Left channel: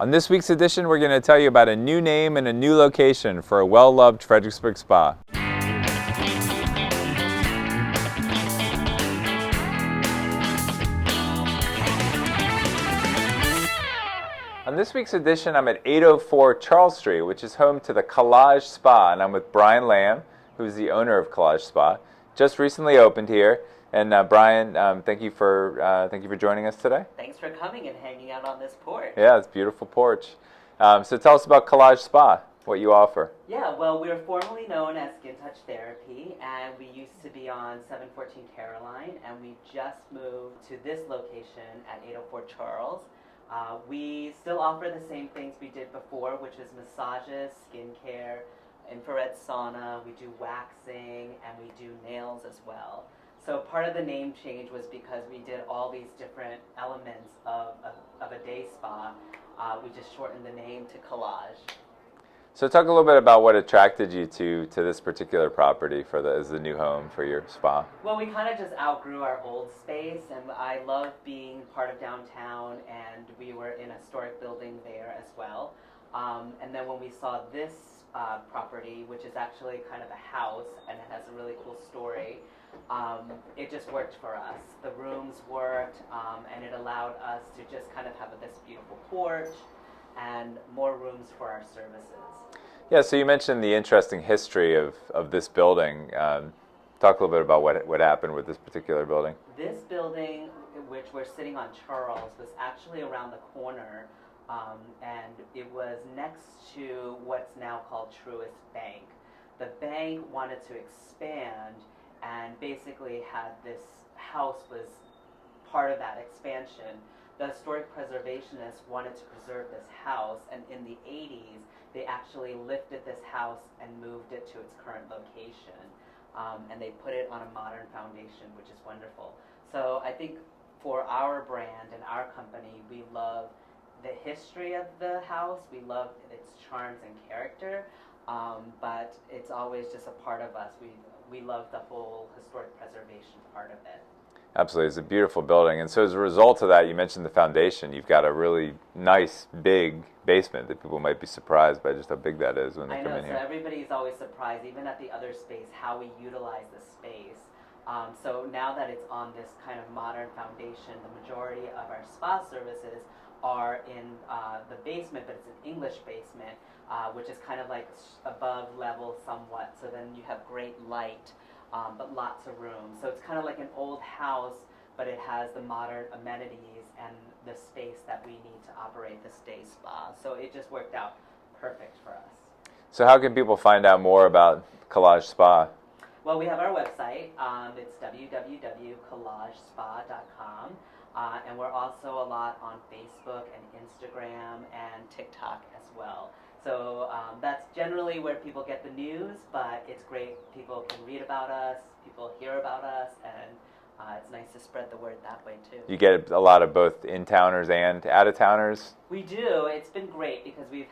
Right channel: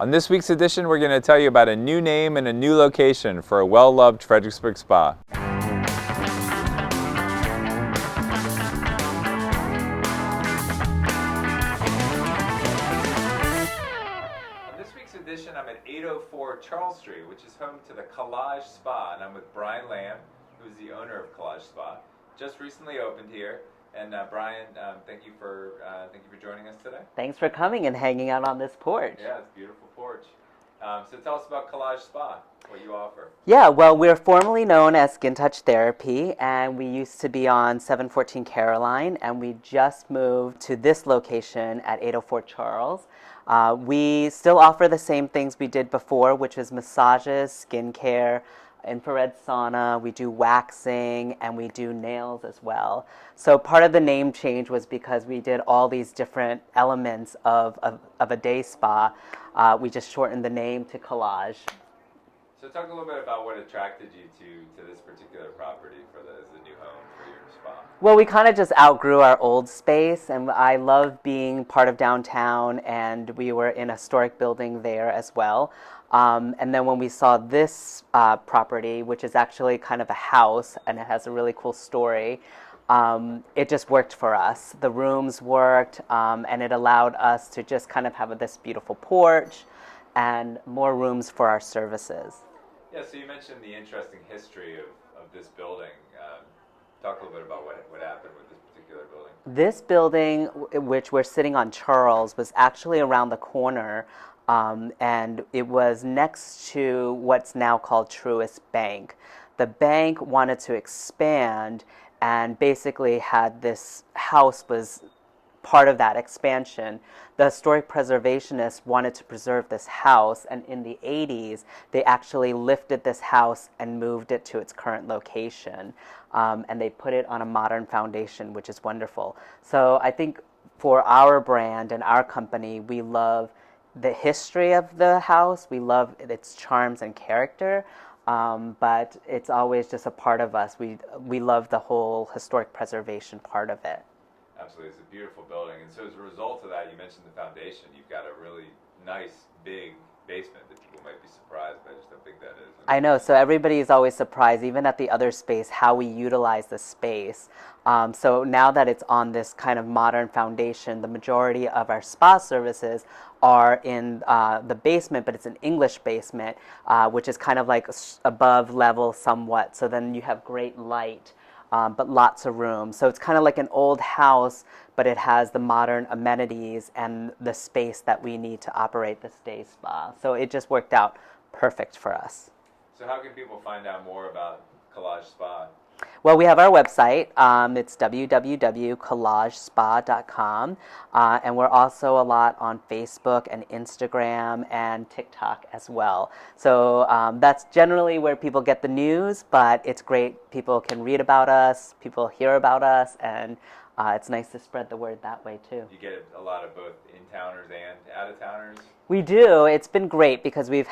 On this week's edition, we're going to tell you about a new name and a new location for a well-loved Fredericksburg spa. On this week's edition, I'm at 804 Charles Street, which is home to the Collage Spa, and I'm with Brian Lam, who's the owner of Collage Spa. Just recently opened here. And Brian, thank you for joining us today. Thanks for coming and hanging out on this porch. Yeah, it's a beautiful porch. So tell us about Collage Spa, what you offer. Yeah, well, we're formerly known as Skin+Touch Therapy, and we used to be on 714 Caroline, and we just moved to this location at 804 Charles. We still offer the same things we did before, which is massages, skincare, infrared sauna, we do waxing, and we do nails as well. So part of the name change was because we did all these different elements of a day spa. We just shortened the name to Collage. So talk a little bit about what attracted you to this particular property as the new home for your spa. Well, we kind of just outgrew our old space, and I love being part of downtown, and we were in a historic building there as well. And then when we saw this property, which is actually kind of a house, and it has a really cool story, it just worked for us. The rooms worked, and it allowed us to just kind of have this beautiful porch and more rooms for our services. Yeah, so you mentioned the interesting history of this building. Talk a little bit about what happened with this particular building. This building, which we're sitting on Charles, was actually around the corner, and it was next to what's now called Truist Bank. The bank wanted to expand, and basically had this house was part of that expansion. The historic preservationists wanted to preserve this house, and in the 80s, they actually lifted this house and moved it to its current location. And they put it on a modern foundation, which is wonderful. So I think for our brand and our company, we love the history of the house. We love its charms and character. But it's always just a part of us. We love the whole historic preservation part of it. Absolutely. It's a beautiful building. And so as a result of that, you mentioned the foundation. You've got a really nice, big basement that people might be surprised by just how big that is. I know. So everybody is always surprised, even at the other space, how we utilize the space. So now that it's on this kind of modern foundation, the majority of our spa services are in the basement, but it's an English basement, which is kind of like above level somewhat. So then you have great light, but lots of room. So it's kind of like an old house, but it has the modern amenities and the space that we need to operate this day spa. So it just worked out perfect for us. So how can people find out more about Collage Spa? Well, we have our website. It's www.collagespa.com. And we're also a lot on Facebook and Instagram and TikTok as well. So that's generally where people get the news, but it's great. People can read about us, people hear about us, and it's nice to spread the word that way too. You get a lot of both in-towners and out-of-towners? We do. It's been great because we've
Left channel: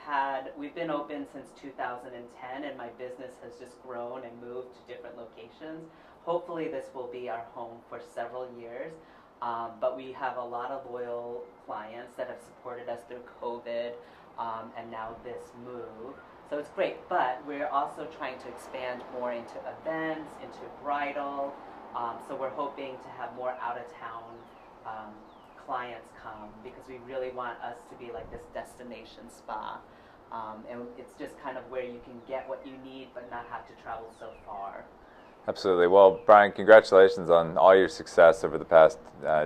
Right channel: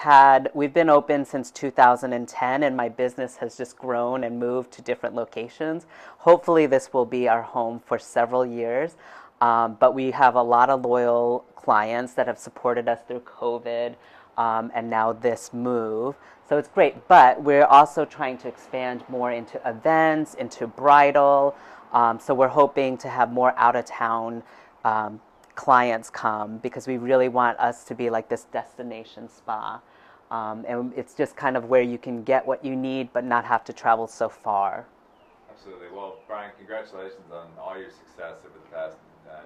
been open since 2010, and my business has just grown and moved to different locations. Hopefully this will be our home for several years, but we have a lot of loyal clients that have supported us through COVID and now this move. So it's great, but we're also trying to expand more into events, into bridal. So we're hoping to have more out-of-town clients come because we really want us to be like this destination spa. And it's just kind of where you can get what you need but not have to travel so far. Absolutely. Well, Brian, congratulations on all your success over the past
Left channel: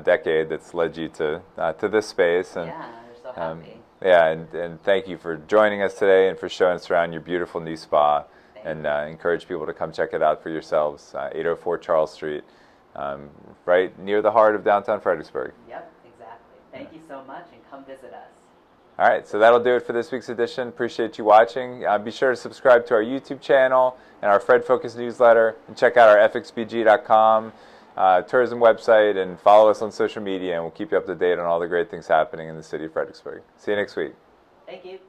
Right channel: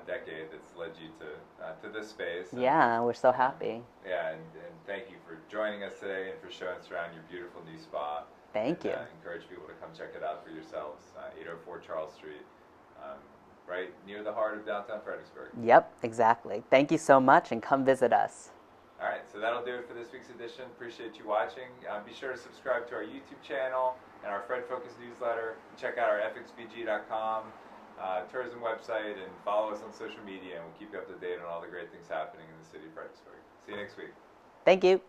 decade that's led you to this space. And, yeah, we're so happy. And thank you for joining us today and for showing us around your beautiful new spa. Thank you. Encourage people to come check it out for yourselves. 804 Charles Street, right near the heart of downtown Fredericksburg. Yep, exactly. Thank you so much, and come visit us. All right, so that'll do it for this week's edition. Appreciate you watching. Be sure to subscribe to our YouTube channel and our Fred Focus newsletter, and check out our FXBG.com tourism website, and follow us on social media, and we'll keep you up to date on all the great things happening in the city of Fredericksburg. See you next week. Thank you.